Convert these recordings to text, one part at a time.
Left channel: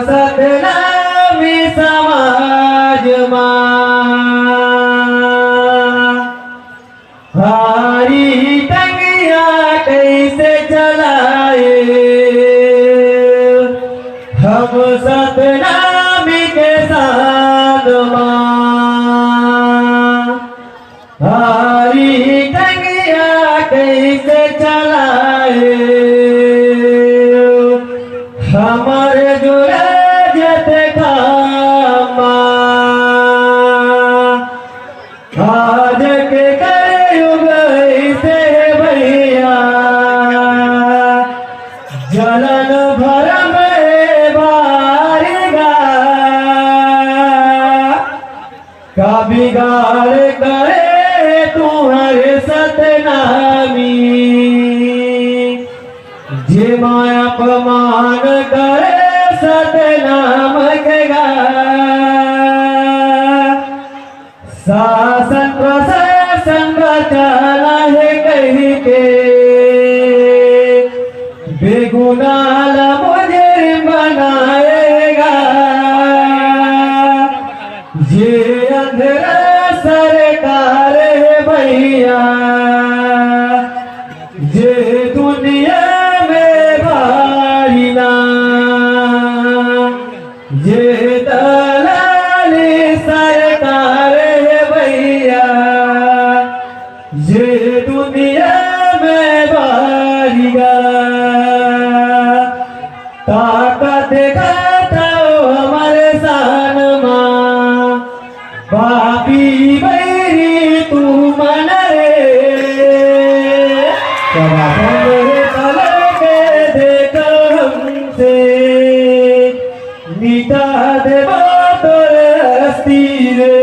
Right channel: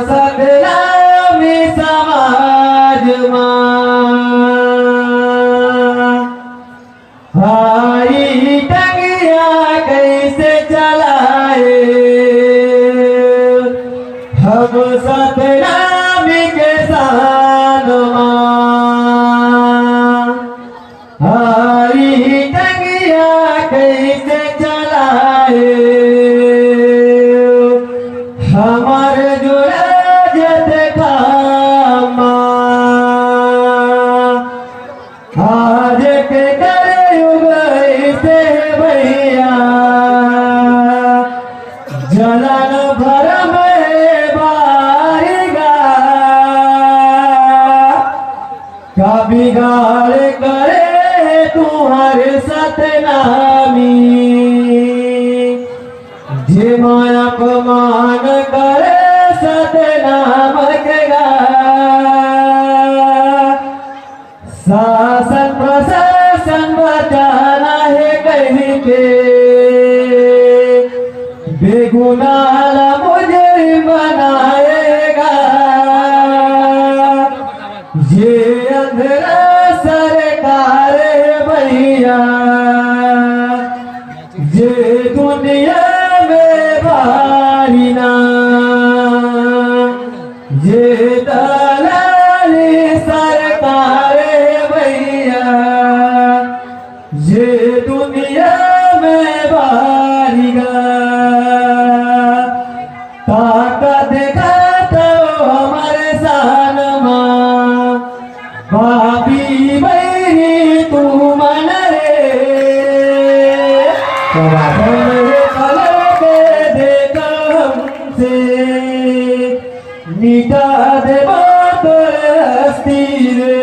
सतनामी समाज भाई टंगिया कैसे चलाए हम सतनामी के साथ भाई टंगिया कैसे चलाए हमारे जुड़े जत खामा आज के कलयुग से भैया जलन भर में बारिगा का बिगाड़ करे तुम्हारे सतनामी जे माया अपमान करे सतनाम के शासन प्रशासन बचाना है कहीं के बेगुनाह मुझे बनाएगा ये अंधेरा सरकार है भैया ये दुनिया में भारी ना ये दलाली सरकार है भैया ये दुनिया में भारी गा ताकत दिखाता हमारे सान माँ भाभी बैरी तू मन मीठा देवा तोरे हस्ती रे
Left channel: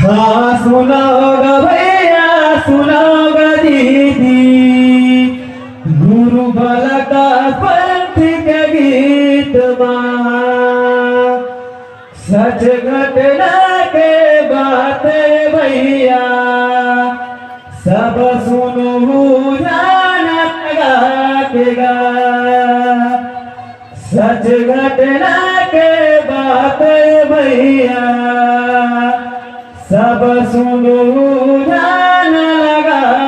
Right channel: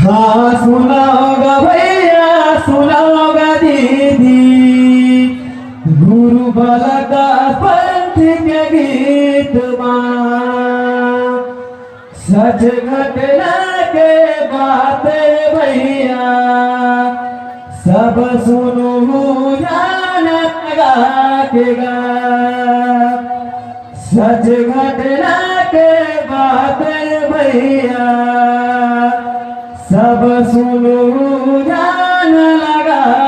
हाँ सुना होगा भैया सुना होगा दीदी गुरु बाला का पंथ के गीत सच घटना के बातें भैया सब सुनो जाना लगेगा सच घटना के बातें भैया सब सुनो जाना लगा